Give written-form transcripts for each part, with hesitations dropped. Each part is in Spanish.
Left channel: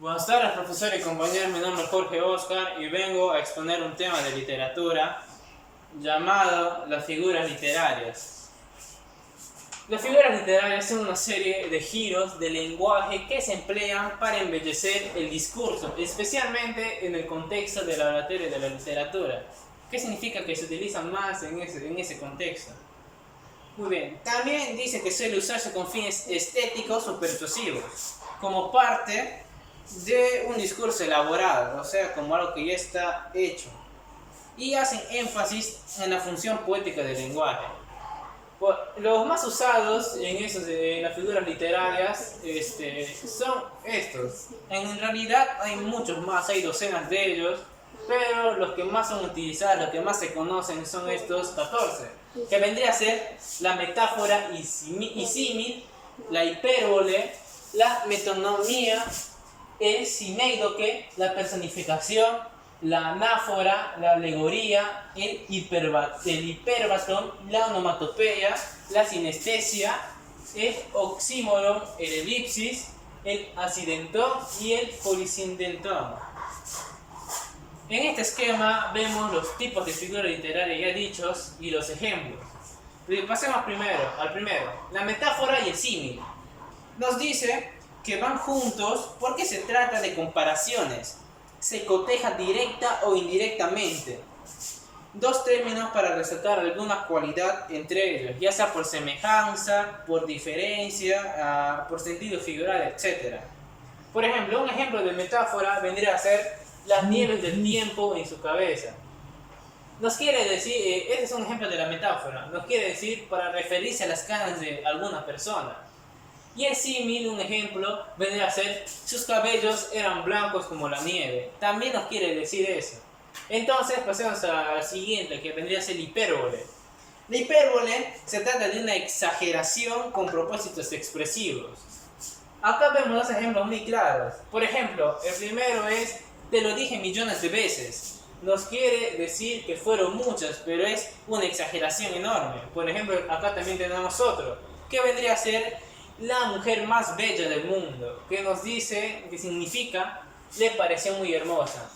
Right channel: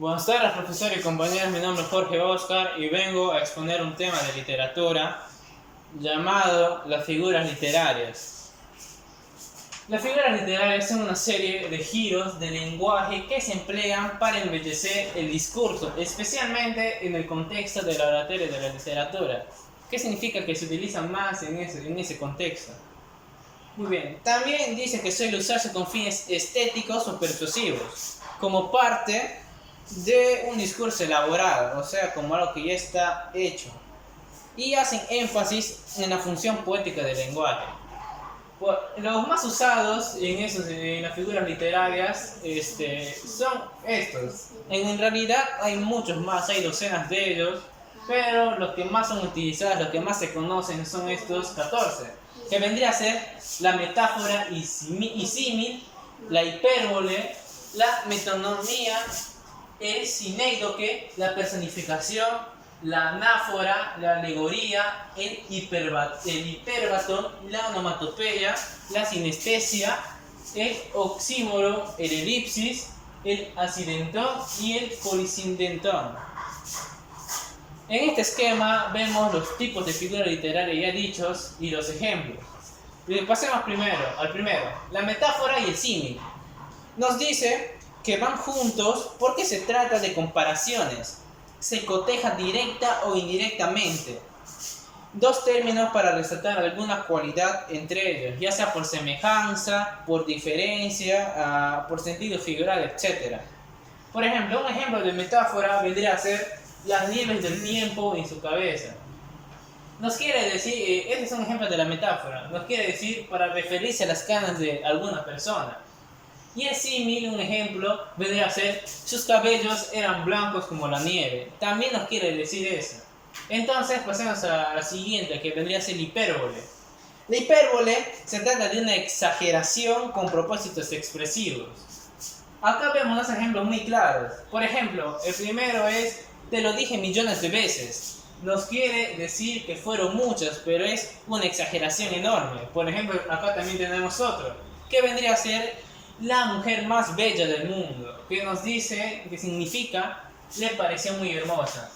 Buenas tardes, profesor y compañeros. Mi nombre es Jorge Oscar y vengo a exponer un tema de literatura llamado las figuras literarias. Las figuras literarias son una serie de giros de lenguaje que se emplean para embellecer el discurso, especialmente en el contexto de la oratoria y de la literatura. ¿Qué significa que se utilizan más en ese contexto? Muy bien, también dice que suele usarse con fines estéticos o persuasivos, como parte de un discurso elaborado, o sea, como algo que ya está hecho, y hacen énfasis en la función poética del lenguaje. Los más usados en las figuras literarias son estos. En realidad hay muchos más, hay docenas de ellos, pero los que más son utilizados, los que más se conocen son estos 14, que vendría a ser la metáfora y símil, la hipérbole, la metonimia, el sinécdoque, la personificación, la anáfora, la alegoría, el hiperbatón, la onomatopeya, la sinestesia, el oxímoron, el elipsis, el acidentón y el polisindentón. En este esquema vemos los tipos de figura literaria ya dichos y los ejemplos. Pasemos al primero, la metáfora y el símil. Nos dice que van juntos porque se trata de comparaciones. Se coteja directa o indirectamente. Dos términos para resaltar alguna cualidad entre ellos, ya sea por semejanza, por diferencia, por sentido figurado, etc. Por ejemplo, un ejemplo de metáfora vendría a ser las nieves del tiempo en su cabeza. Nos quiere decir, este es un ejemplo de la metáfora, nos quiere decir para referirse a las canas de alguna persona. Y el símil, un ejemplo, vendría a ser sus cabellos eran blancos como la nieve. También nos quiere decir eso. Entonces pasemos a la siguiente, que vendría a ser la hipérbole. La hipérbole se trata de una exageración con propósitos expresivos. Acá vemos dos ejemplos muy claros. Por ejemplo, el primero es, te lo dije millones de veces. Nos quiere decir que fueron muchas, pero es una exageración enorme. Por ejemplo, acá también tenemos otro, que vendría a ser la mujer más bella del mundo, que nos dice, que significa, le pareció muy hermosa.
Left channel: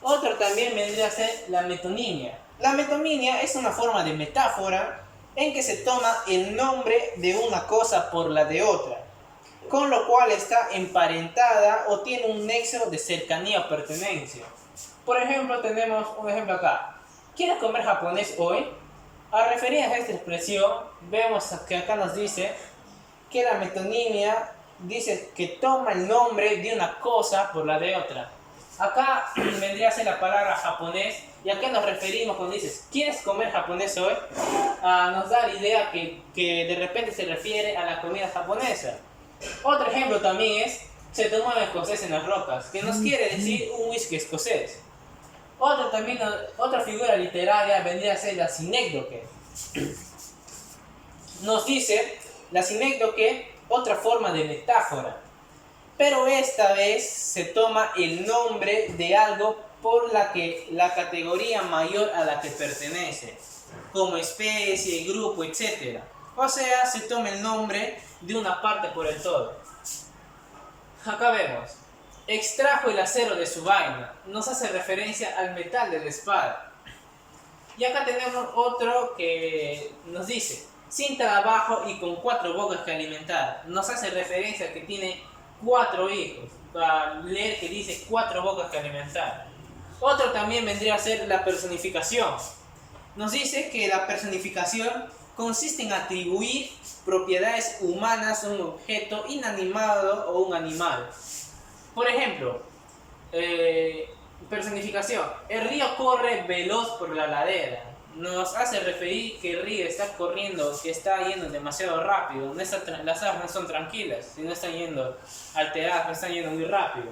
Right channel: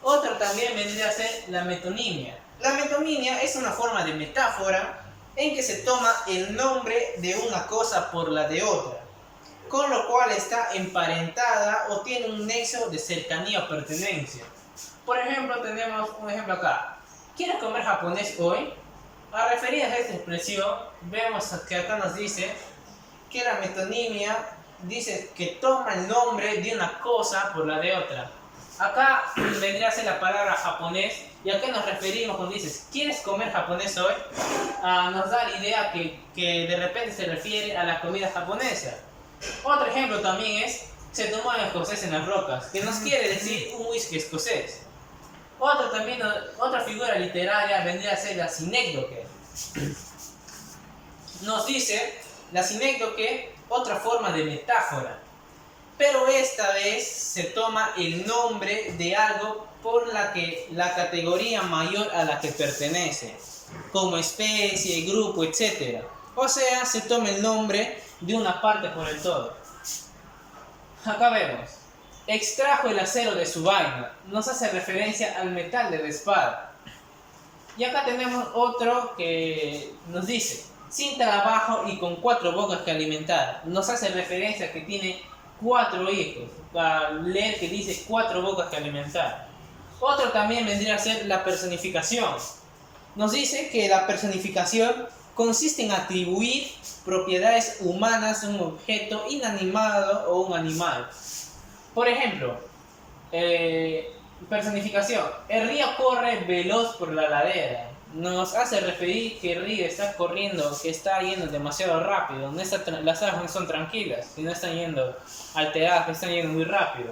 Otro también vendría a ser la metonimia. La metonimia es una forma de metáfora en que se toma el nombre de una cosa por la de otra, con lo cual está emparentada o tiene un nexo de cercanía o pertenencia. Por ejemplo, tenemos un ejemplo acá. ¿Quieres comer japonés hoy? A referirnos a esta expresión, vemos que acá nos dice que la metonimia dice que toma el nombre de una cosa por la de otra. Acá vendría a ser la palabra japonés, y a qué nos referimos cuando dices ¿quieres comer japonés hoy? Nos da la idea que de repente se refiere a la comida japonesa. Otro ejemplo también es se tomó el escocés en las rocas, que nos quiere decir un whisky escocés. Otra figura literaria vendría a ser la sinécdoque. Nos dice la sinécdoque, otra forma de metáfora, pero esta vez se toma el nombre de algo por la categoría mayor a la que pertenece, como especie, grupo, etc. O sea, se toma el nombre de una parte por el todo. Acá vemos, extrajo el acero de su vaina, nos hace referencia al metal de la espada. Y acá tenemos otro que nos dice, sin trabajo y con 4 bocas que alimentar, nos hace referencia a que tiene 4 hijos, para leer que dice 4 bocas que alimentar. Otro también vendría a ser la personificación. Nos dice que la personificación consiste en atribuir propiedades humanas a un objeto inanimado o un animal. Por ejemplo, personificación. El río corre veloz por la ladera. Nos hace referir que el río está corriendo, que está yendo demasiado rápido. Las aguas no son tranquilas, sino están yendo alteradas, están yendo muy rápido.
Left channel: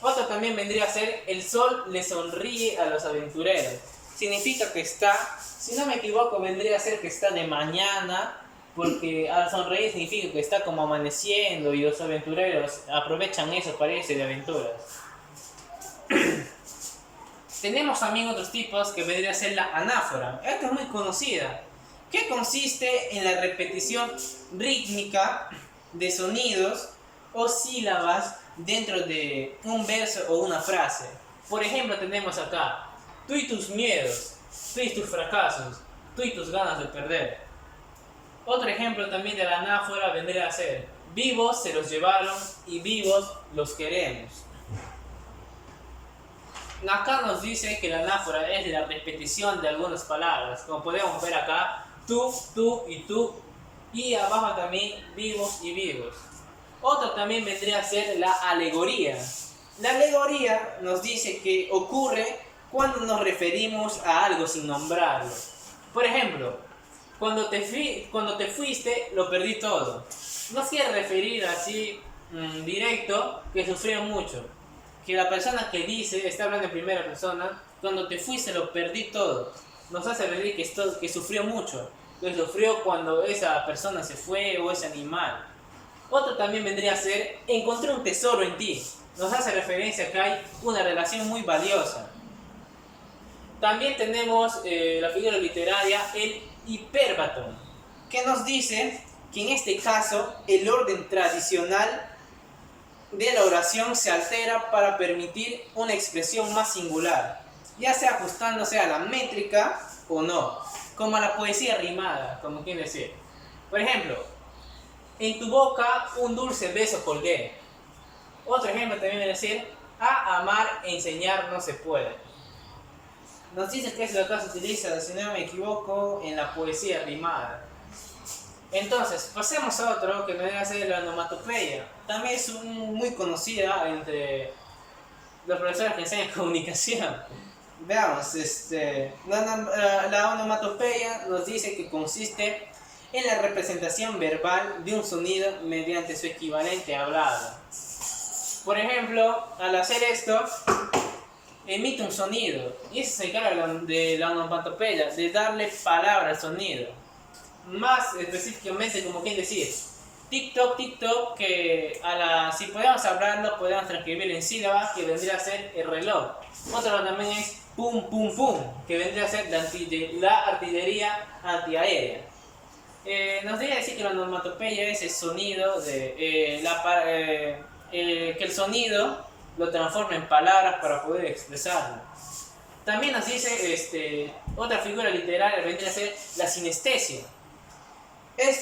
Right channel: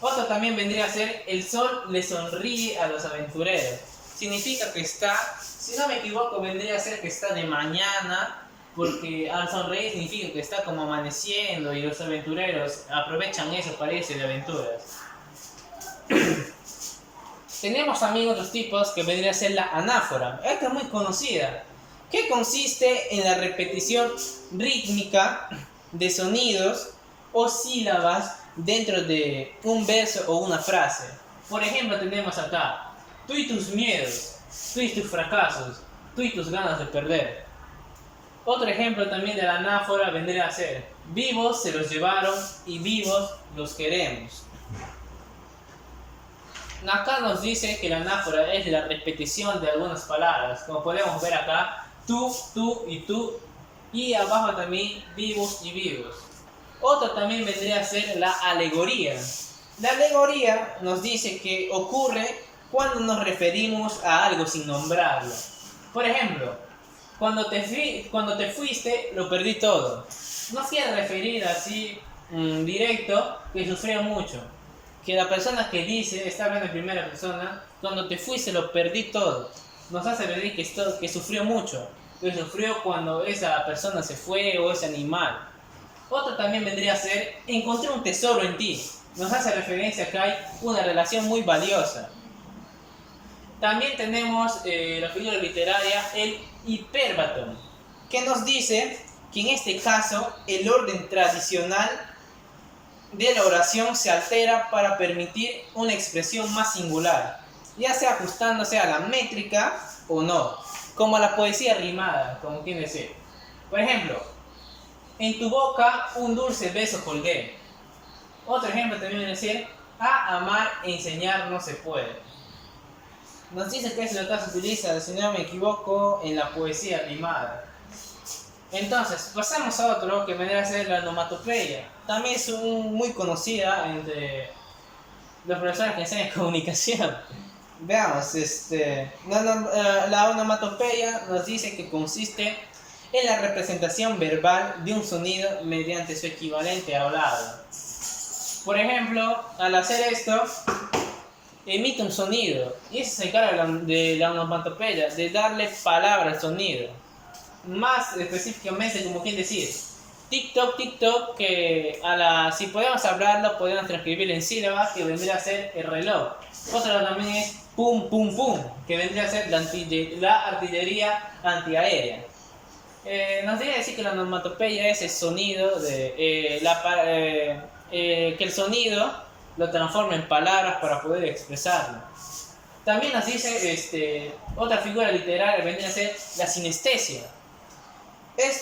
Otro también vendría a ser el sol le sonríe a los aventureros. Significa que está, si no me equivoco, vendría a ser que está de mañana, porque al sonreír significa que está como amaneciendo y los aventureros aprovechan eso para irse de aventuras. Tenemos también otros tipos que vendría a ser la anáfora. Esta es muy conocida, que consiste en la repetición rítmica de sonidos o sílabas dentro de un verso o una frase. Por ejemplo, tenemos acá: tú y tus miedos, tú y tus fracasos, tú y tus ganas de perder. Otro ejemplo también de la anáfora vendría a ser: vivos se los llevaron y vivos los queremos. Acá nos dice que la anáfora es la repetición de algunas palabras, como podemos ver acá: tú y tú, y abajo también vivos y vivos. Otro también vendría a ser la alegoría. La alegoría nos dice que ocurre cuando nos referimos a algo sin nombrarlo. Por ejemplo, cuando te fuiste lo perdí todo. No quiere referir así directo que sufrió mucho. Que la persona que dice, está hablando en primera persona: cuando te fuiste lo perdí todo. Nos hace referir que sufrió mucho. Que sufrió cuando esa persona se fue o ese animal. Otro también vendría a ser: encontré un tesoro en ti. Nos hace referencia a que hay una relación muy valiosa. También tenemos la figura literaria, el hipérbaton, que nos dice que en este caso el orden tradicional de la oración se altera para permitir una expresión más singular, ya sea ajustándose a la métrica o no, como la poesía rimada, como quien decir. Por ejemplo: en tu boca un dulce beso colgué. Otro ejemplo también viene a decir: a amar e enseñar no se puede. Nos dice que es lo que se utiliza, si no me equivoco, en la poesía rimada. Entonces, pasemos a otro que vendría a ser la onomatopeya. También es muy conocida entre los profesores que enseñan comunicación. Veamos, la onomatopeya nos dice que consiste en la representación verbal de un sonido mediante su equivalente hablado. Por ejemplo, al hacer esto, emite un sonido, y eso se encarga de la onomatopeya, de darle palabra al sonido. Más específicamente, como quien decir, TikTok, TikTok, que si podemos hablarlo, podemos transcribirlo en sílabas, que vendría a ser el reloj. Otro también es pum, pum, pum, que vendría a ser la artillería antiaérea. Nos debería decir que la onomatopeya es el sonido que el sonido lo transforma en palabras para poder expresarlo. También nos dice otra figura literaria vendría a ser la sinestesia.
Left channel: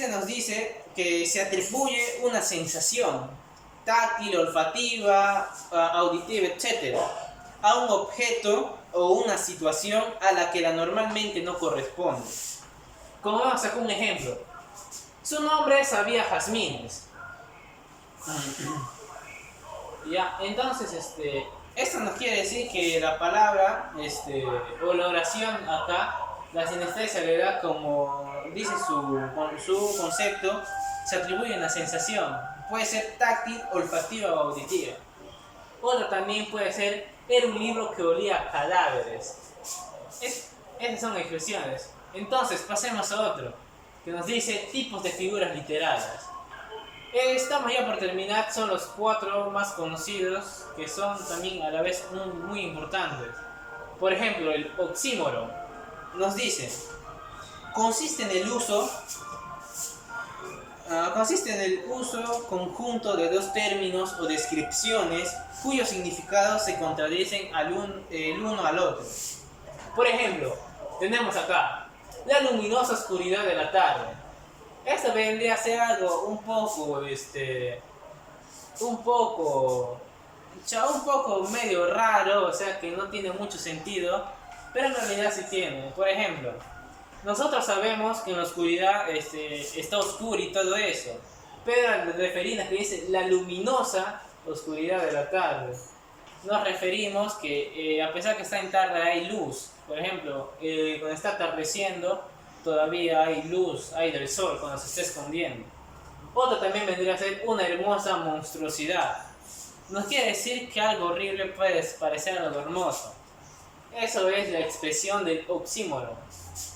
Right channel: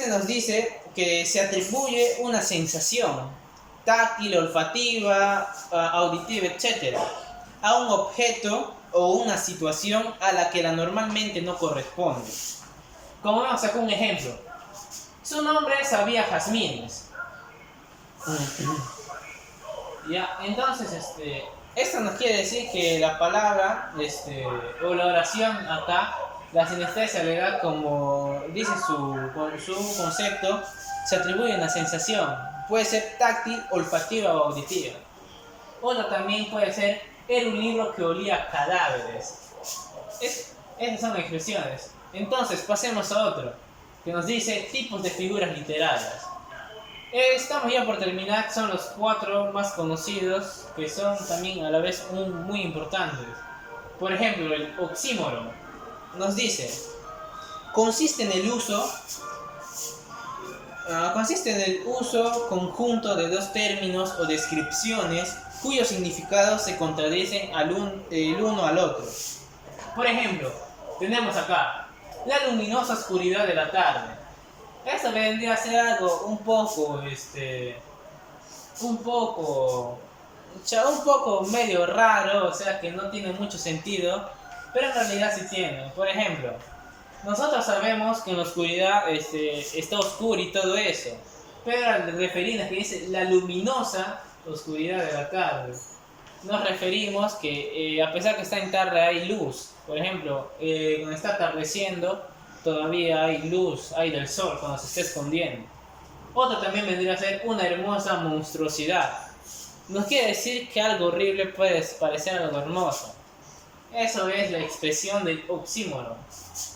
Nos dice que se atribuye una sensación táctil, olfativa, auditiva, etc. a un objeto o una situación a la que normalmente no corresponde. Como vamos a sacar un ejemplo: su nombre sabía jazmines. Ya, entonces esto nos quiere decir que la palabra o la oración acá, la sinestesia le da, como dice su concepto, se atribuye una sensación. Puede ser táctil, olfativa o auditiva. Otra también puede ser: era un libro que olía a cadáveres. Esas son expresiones. Entonces pasemos a otro, que nos dice tipos de figuras literarias. Estamos ya por terminar, son los 4 más conocidos, que son también a la vez muy importantes. Por ejemplo, el oxímoron nos dice: consiste en el uso conjunto de dos términos o descripciones cuyos significados se contradicen el uno al otro. Por ejemplo, tenemos acá la luminosa oscuridad de la tarde. Esto vendría a ser algo un poco medio raro, o sea que no tiene mucho sentido, pero en realidad sí tiene. Por ejemplo, nosotros sabemos que en la oscuridad está oscuro y todo eso, pero al referirnos que dice la luminosa oscuridad de la tarde, nos referimos que a pesar que está en tarde hay luz. Por ejemplo, cuando está atardeciendo todavía hay luz, hay del sol cuando se está escondiendo. Otro también vendría a ser una hermosa monstruosidad. Nos quiere decir que algo horrible puede parecer algo hermoso. Eso es la expresión del oxímoron.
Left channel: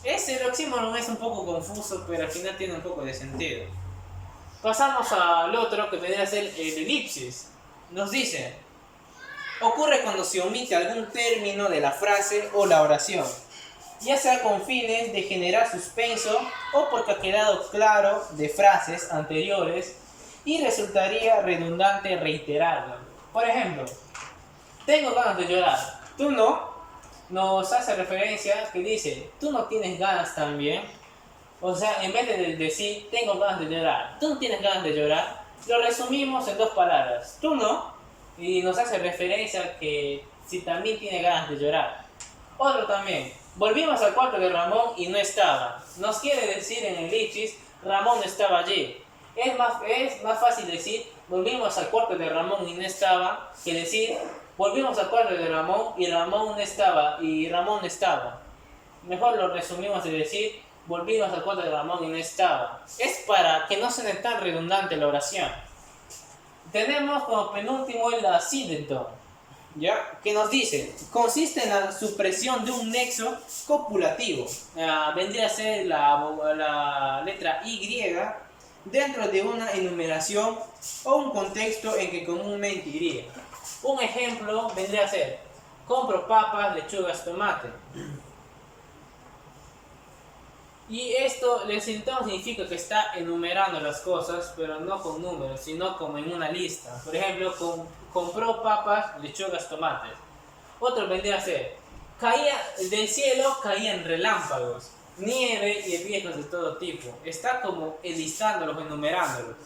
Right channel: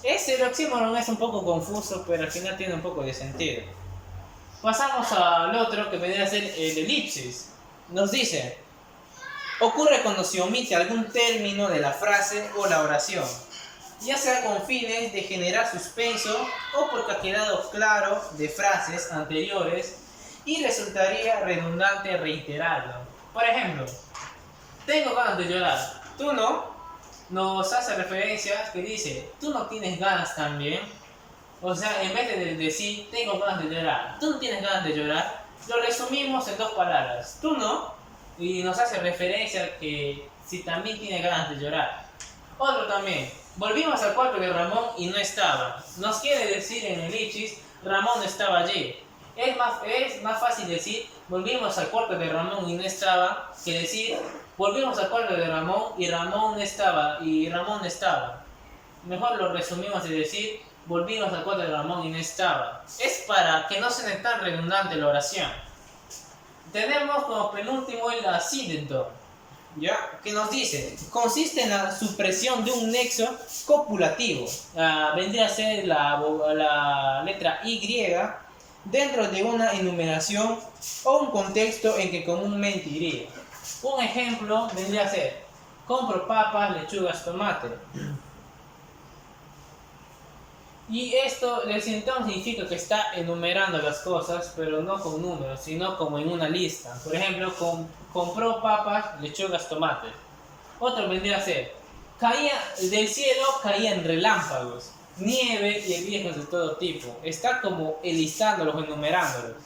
El oxímoron es un poco confuso, pero al final tiene un poco de sentido. Pasamos al otro, que vendría a ser el elipsis. Nos dice: ocurre cuando se omite algún término de la frase o la oración, ya sea con fines de generar suspenso o porque ha quedado claro de frases anteriores y resultaría redundante reiterarlo. Por ejemplo, tengo ganas de llorar, tú no, nos hace referencia que dice, tú no tienes ganas también. O sea, en vez de decir, tengo ganas de llorar, tú no tienes ganas de llorar, lo resumimos en dos palabras, tú no, y nos hace referencia que si también tiene ganas de llorar. Otro también, volvimos al cuarto de Ramón y no estaba. Nos quiere decir en el Ichis, Ramón no estaba allí. Es más fácil decir, volvimos al cuarto de Ramón y no estaba, que decir, volvimos al cuarto de Ramón y Ramón no estaba, y Ramón no estaba. Mejor lo resumimos de decir, volvimos al cuarto de Ramón y no estaba. Es para que no suene tan redundante la oración. Tenemos como penúltimo el accidente, ¿ya? Que nos dice, consiste en la supresión de un nexo copulativo. Vendría a ser la letra Y dentro de una enumeración o un contexto en que comúnmente iría. Un ejemplo vendría a ser, compro papas, lechugas, tomate. Y esto, el sintoma significa que está enumerando las cosas, pero no con números, sino como en una lista. Por ejemplo, compró papas, lechugas, tomates. Otro vendría a ser, del cielo caían relámpagos, nieve y viejos de todo tipo. Está como enlistándolos, enumerándolos.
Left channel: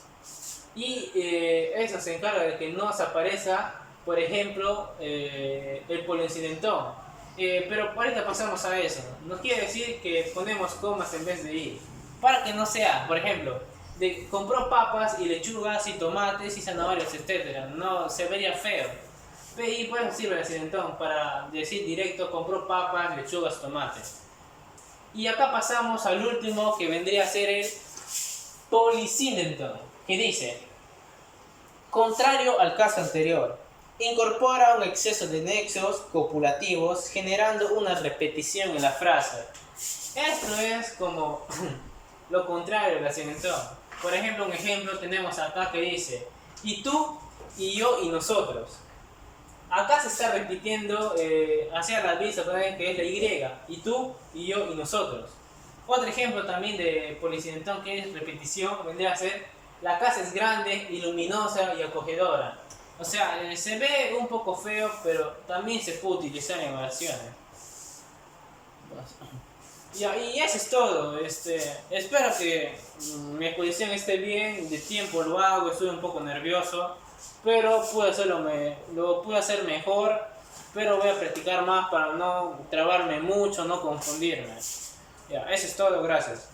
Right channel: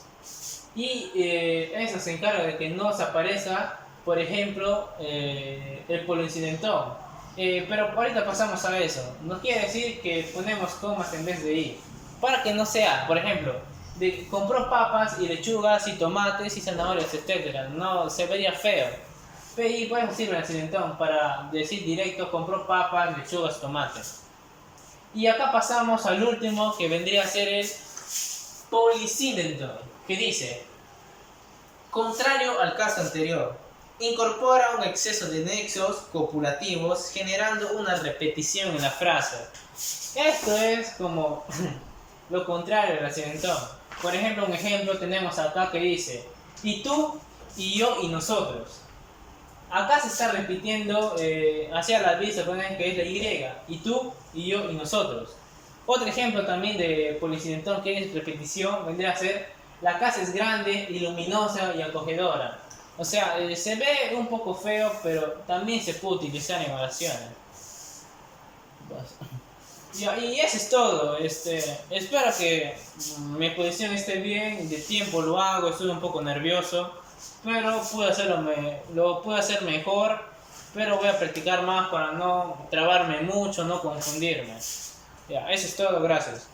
Y eso se encarga de que no se aparezca, por ejemplo, el polincidentón. Pero ahorita pasamos a eso. Nos quiere decir que ponemos comas en vez de i. Para que no sea, por ejemplo, compró papas y lechugas y tomates y zanahorias, etc. No, se vería feo. Y por eso sirve el accidentón, para decir directo, compró papas, lechugas, tomates. Y acá pasamos al último, que vendría a ser el polisindentón, que dice, contrario al caso anterior, incorpora un exceso de nexos copulativos generando una repetición en la frase. Esto es como lo contrario del accidentón. Por ejemplo, un ejemplo tenemos acá que dice, y tú, y yo, y nosotros. Acá se está repitiendo hacia la vista, que es la Y, y tú, y yo, y nosotros. Otro ejemplo también de policidentón que es repetición vendría a ser, la casa es grande y luminosa y acogedora. O sea, se ve un poco feo, pero también se puede utilizar en oraciones. Y eso es todo. Espero que mi exposición esté bien. De tiempo lo hago, estuve un poco nervioso, pero lo pude hacer mejor. Pero voy a practicar más para no trabarme mucho, no confundirme. Eso es todo, gracias.